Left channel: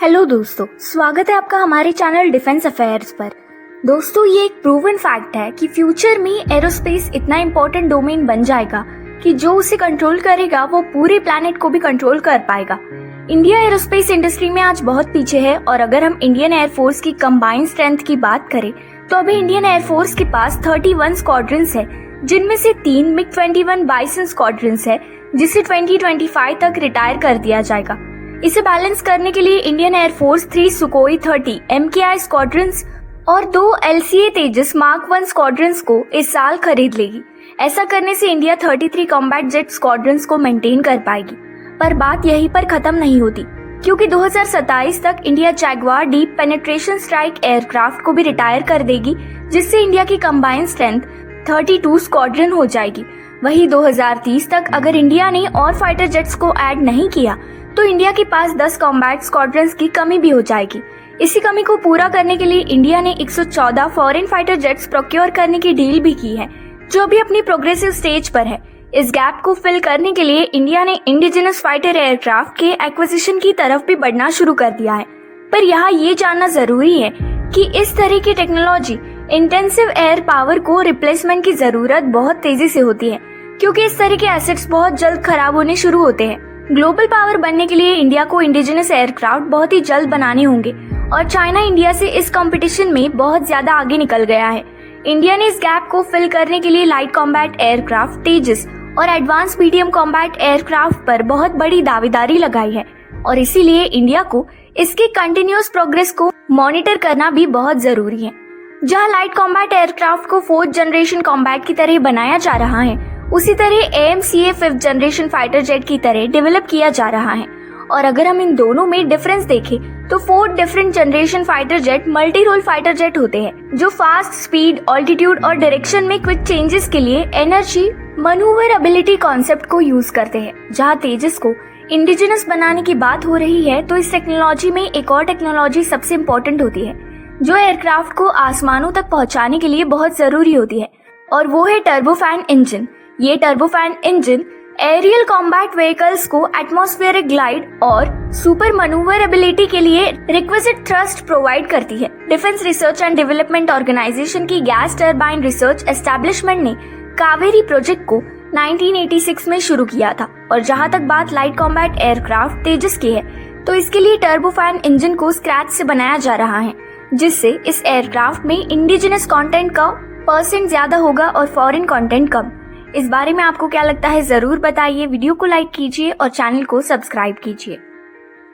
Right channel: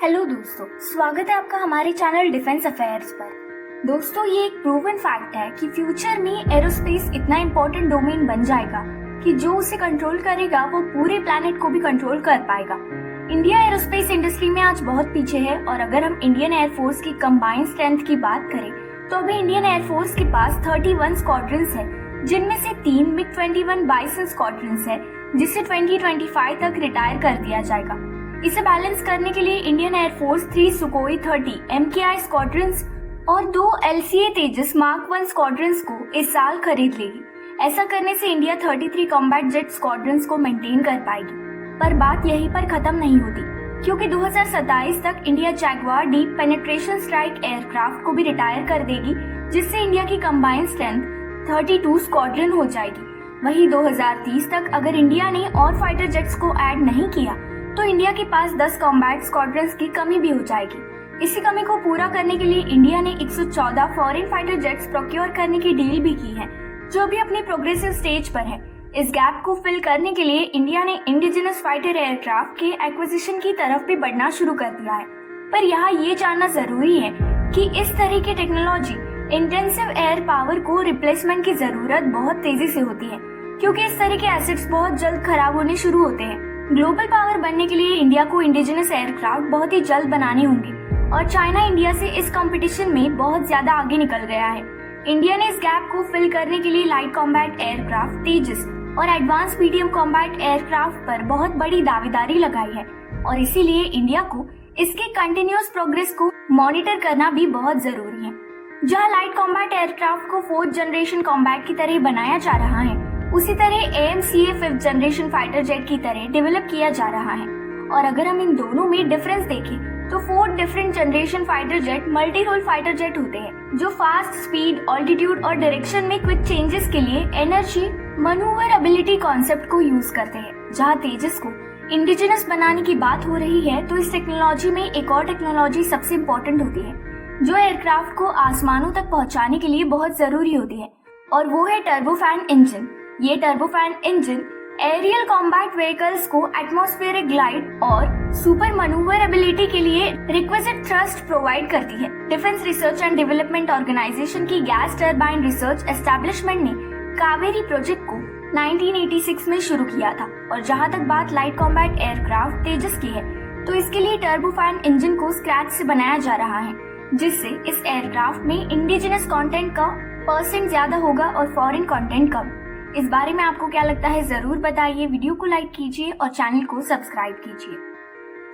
Hello दोस्तों, स्वागत है आपका हमारे चैनल डिफेंस अफेयर्स पर। दोस्तों, ये एक प्रूवन फैक्ट है कि फ्यूचर में एरोस्पेस इतना इम्पोर्टेंट डोमेन बन जाएगा कि जो उसे कंट्रोल करेगा वो पूरे प्लैनेट को भी कंट्रोल कर पाएगा। इंडिया एरोस्पेस इंडस्ट्री में आज बहुत पीछे है और अगर हम इंडियन एयरफोर्स की कंबाइंड स्ट्रेंथ की बात करें तो अभी इंडियन एयरफोर्स के पास 31 स्क्वाड्रंस है, जिनमें से 3 MiG-21 बाइसन स्क्वाड्रंस है जिसे 2025 तक रिटायर कर दिया जाएगा। इसे बैलेंस करने के लिए इंडियन एयरफोर्स 3 सुकोई 30 MKI स्क्वाड्रंस और 2 LCA तेजस मार्क 1 स्क्वाड्रंस को इस साल खरीद लेगी। ऐसा करने से इंडिया 33 कॉम्बैट जेट स्क्वाड्रंस को मेंटेन कर पाएगी। पर बात यहीं पर खत्म नहीं होती, क्योंकि 2027 तक India Jaguar deep penetration strike aircraft को भी रिटायर कर देगी, जिससे इंडिया की कंबाइंड स्ट्रेंथ 32 स्क्वाड्रन हो जाएगी। वहीं 2030 तक अगर इंडिया ने और फाइटर जेट्स को ऐड नहीं किया तो इंडिया के पास 10 कॉम्बैट स्क्वाड्रंस की कमी भी हो जाएगी। इसी कमी को पूरा करने के लिए इंडिया ने 114 फॉरेन फाइटर जेट्स प्रोक्योर करने की डील भी की है, जो भी अपनी प्रोग्रेसिव स्टेज पर है। इस गैप को फिल करने के लिए इंडिया ने इंडिजिनस फाइटर एयरक्राफ्ट के एक्विजिशन की तरफ भी बढ़ना शुरू कर दिया है। पर यहाँ ये जानना जरूरी है कि इस तरह की टेक्नोलॉजी इंटेंसिव एयर पावर को रिप्लेसमेंट की जरूरत बहुत तेजी से होती है, क्योंकि इस तरह के एसेट्स बहुत जल्द खराब होने शुरू होते हैं। ग्लोबल पावर बनने के लिए इंडिया को इंडिजिनस एयरक्राफ्ट बहुत ही जल्द बनाने होंगे और चाइना इंडिया से इस कंपटीशन में बहुत ज्यादा आगे निकल गया है। इंडिया ने इस गैप को फिल करने के लिए लाइट कॉम्बैट एयरक्राफ्ट तेजस और एडवांस मीडियम कॉम्बैट एयरक्राफ्ट पर बहुत बड़ी दावेदारी लगाई है और इसीलिए इंडिया को इसकी कंटिन्यूअस प्रोग्रेस को मॉनिटर करना भी बहुत जरूरी है। जहां लाइट कॉम्बैट एयरक्राफ्ट को 4th जनरेशन कॉम्बैट की तरह बनाया जा रहा है, उसी तरह AMCA 5th generation fighter jet की तरह डेवलप किया जा रहा है। और अगर हम इन दोनों में डिफरेंस देखें तो 4 different generation fighter jet multi role fighter jet होते हैं, जो फास्ट स्पीड, ऑल्टीट्यूड और डायरेक्शन में क्विक चेंजेस के लिए एनर्जी मनूवरेबिलिटी कॉन्सेप्ट को यूज करते हैं। जहां तेजस को इंडिजिनस बनाने की बात हो रही है तो इस टेक्नोलॉजी में एक और टेक्नोलॉजी सबसे इम्पोर्टेंट होती है, जो एयरक्राफ्ट को आसमानों तक पहुंचाने के लिए बहुत जरूरी होती है, और वो है टर्बोफैन इंजन। ये turbofan engine aerial combat vehicles को एटमॉस्फेरिक ग्लाइड और सुपर मनूवरेबिलिटी के लिए रिक्विजिट थ्रस्ट प्रोवाइड करती है। Defence Research and Development Organisation की गैस टरबाइन रिसर्च एस्टेब्लिशमेंट ने कावेरी प्रोजेक्ट को 1986 में शुरू किया था। और जहां तक बात लाइट कॉम्बैट एयरक्राफ्ट तेजस की है, तो इसके लिए टर्बोफैन इंजन को स्क्रैच से बनाया जा रहा है, जिससे इस एयरक्राफ्ट में इंडिजिनस कंटेंट का % ज्यादा होगा और फॉरेन कंटेंट कम। इस बारे में आपको क्या लगता है, जरूर बताइए। वीडियो को लाइक कीजिए और चैनल को सब्सक्राइब कीजिए।